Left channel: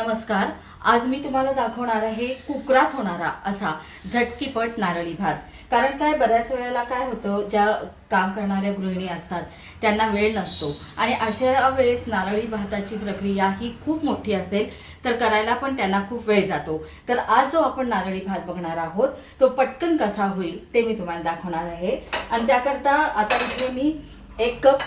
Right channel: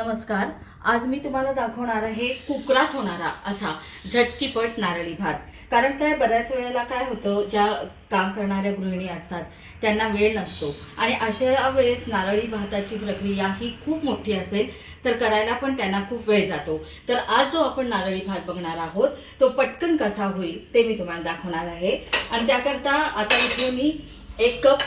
नमस्कार. आज मी तुम्हाला दाखवणार आहे कुकरात होणारा असा झटकीपट नारळी भात. कारण काय बऱ्याच वेळेला काय होतं ज्या काम करणाऱ्या गृहिणी असतात त्यांना वेळ नसतो. आणि अशा वेळेस नारळी भाताची प्रक्रिया ही खूप मोठी असेल तर करायला पण त्यांना खूप वेळ जातो. तर आज जो आपण नारळी भात बघणार आहोत तो पटकन कसा होईल ते मी तुम्हाला दाखवणार आहे. आणि त्याकरता आता इथे मी एक कप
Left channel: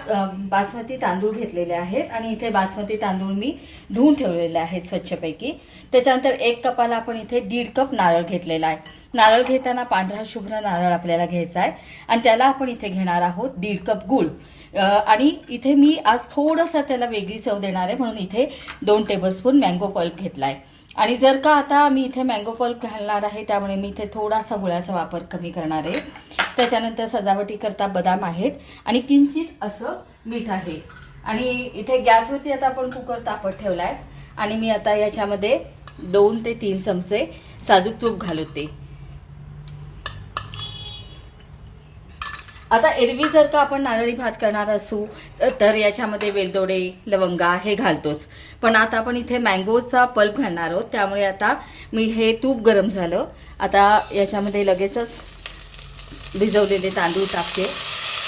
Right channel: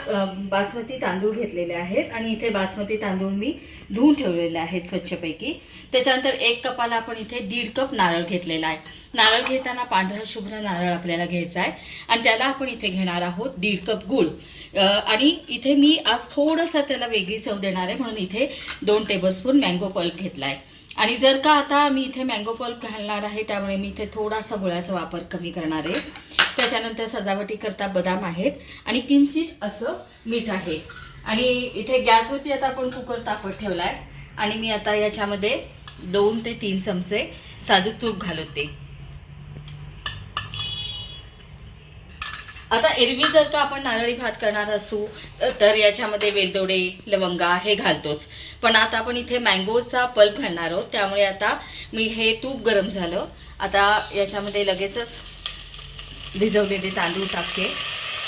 बासमती तांदूळ घेतलेले आहेत आणि इथे बासमती तांदूळ मी धुवून ठेवलेले आहेत स्वच्छपैकी. त्याच्यानंतर एक कपाला आपण इथे दीड कप नारळ घेतलेला आहे. नारळ घेताना पांढरा शुभ्र नारळ आपल्याला घ्यायचा आहे आणि त्याला आपण इथे घेणार आहोत दीड कप गूळ. आणि इथे मी आज थोडंसं त्याला वेगळी चव देणार आहे म्हणून इथे दोन टेबलस्पून मँगो पल्प घेतला आहे आणि जर का आता मी इथे मँगो पल्प घालणार आहे त्यामुळे मी इथे थोडासा गुळाचा वापर कमी करणार आहे. त्याच्यानंतर सजावटी करता बदाम आहेत आणि किंचित असं मीठ आहे. आणि इथे गॅसवरती आता आपण कुकर तापत ठेवलाय. आणि मी आता याच्यामध्ये दोन ते तीन चमचे साजूक तूप घालते. आता एरवी जर का आपण नारळी भात करणार असू तर याच्यामध्ये वेलदोडे लवंगा हे घालतोच. पण आता आपण इथे मँगोचा पल्प घालणार आहोत. त्यामुळे आता मी हे तूप गरम झालं. आता याच्यामध्ये लगेचच भिजवलेले तांदूळ टाकते.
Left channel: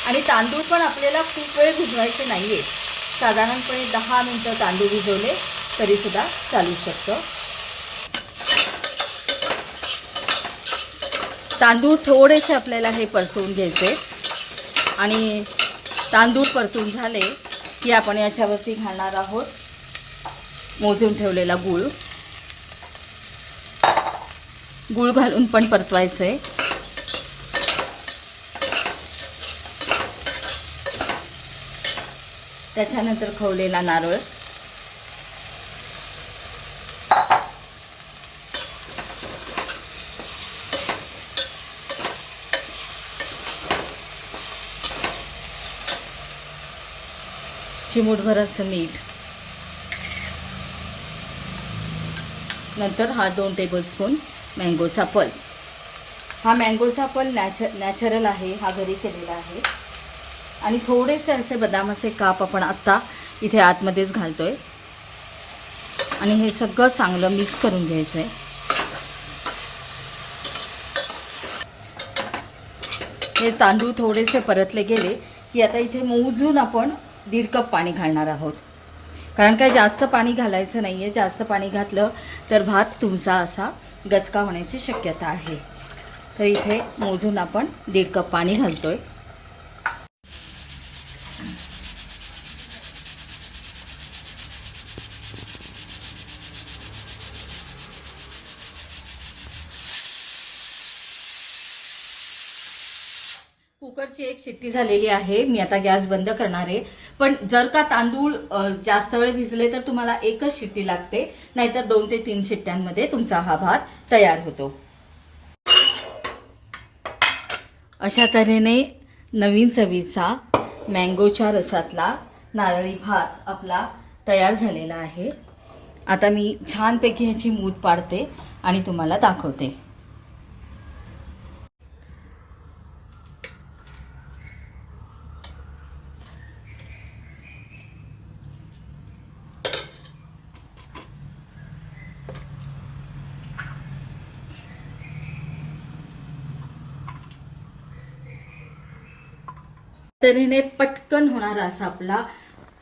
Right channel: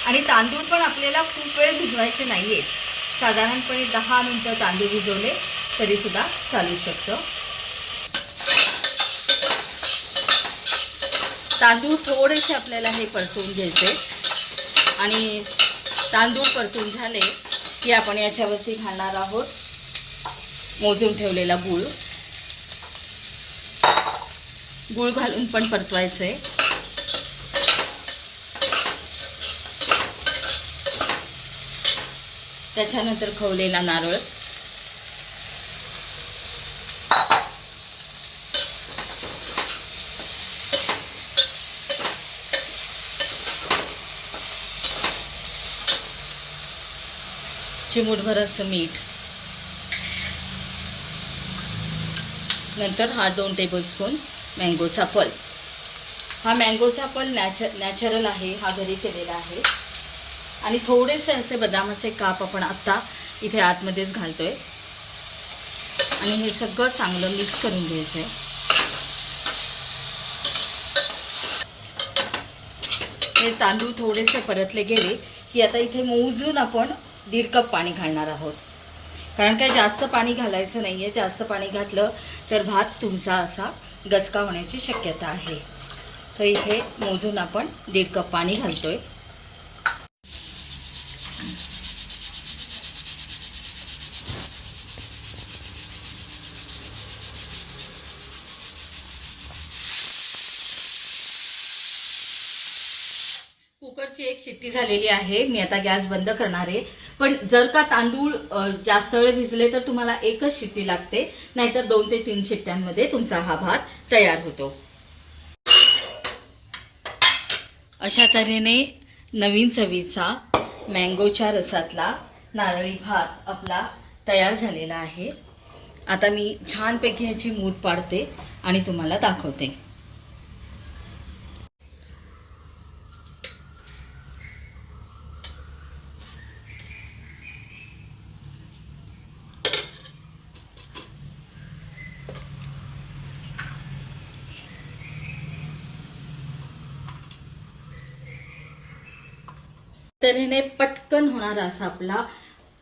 आणि तांदूळ पण आपल्याला खूप वेळ भिजवायचे नाहीये. साधारणपणे दहा मिनिटं तांदूळ भिजवले तरी सुद्धा चालू शकतं. तांदूळ थोडेसे आपल्याला हे परतवून घ्यायचे. आणि तांदूळ परतून झाले की आपण याच्यावरती घालणार आहोत मोजून ठेवलेला गूळ. गूळ घालून पण परतवायचंय. त्याच्यानंतर खवलेला नारळ. चिमूटभर असं मीठ. नंतर हा दोन टेबलस्पून मँगोचा पल. हा मँगोचा पल नॅचर नॅचरल आहे हा घरी केलेला आहे. आणि थोडेसे असे बदामाचे काप आपण आत्ता इथे आतमध्येच घालतोय. आणि हे सगळं चांगलं मिक्स करून घ्यायचं आहे हे तांदूळ थोडेसे परतले गेले की आता इथे मोजून आपण दीड कप पाणी घालणार आहोत. कारण काय जास्त पाणी घालायचं नाही आहे जास्त पाणी घातलं तर भात तुमचा असा गचका होण्याची शक्यता आहे. तर इथे मोजून आपण दीड कप पाणी घालतोय. कुकरची एक शिट्टी झालेली आहे. मी आता गॅस बंद करणार आहे. पण जर का तांदूळ जास्त वेळ भिजले तर तुम्हाला एकच शिट्टी लागते. नाहीतर दोन ते तीन शिट्ट्यांमध्ये तुमचा हा भात तयार होतो. अशा तऱ्हेने नवीन चवीचा मँगोच्या रसातला नारळी भात आपला तयार झालेला आहे. आता मी छानपैकी ह्याची मूद पाडते आणि तुम्हाला दाखवते. तऱ्हेने पटकन होणारा असा आपला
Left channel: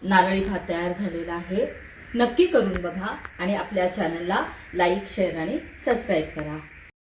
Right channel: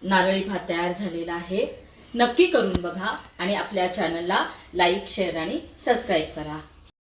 नारळी भात तयार झालेला आहे. नक्की करून बघा आणि आपल्या चॅनलला लाईक शेअर आणि सबस्क्राईब करा.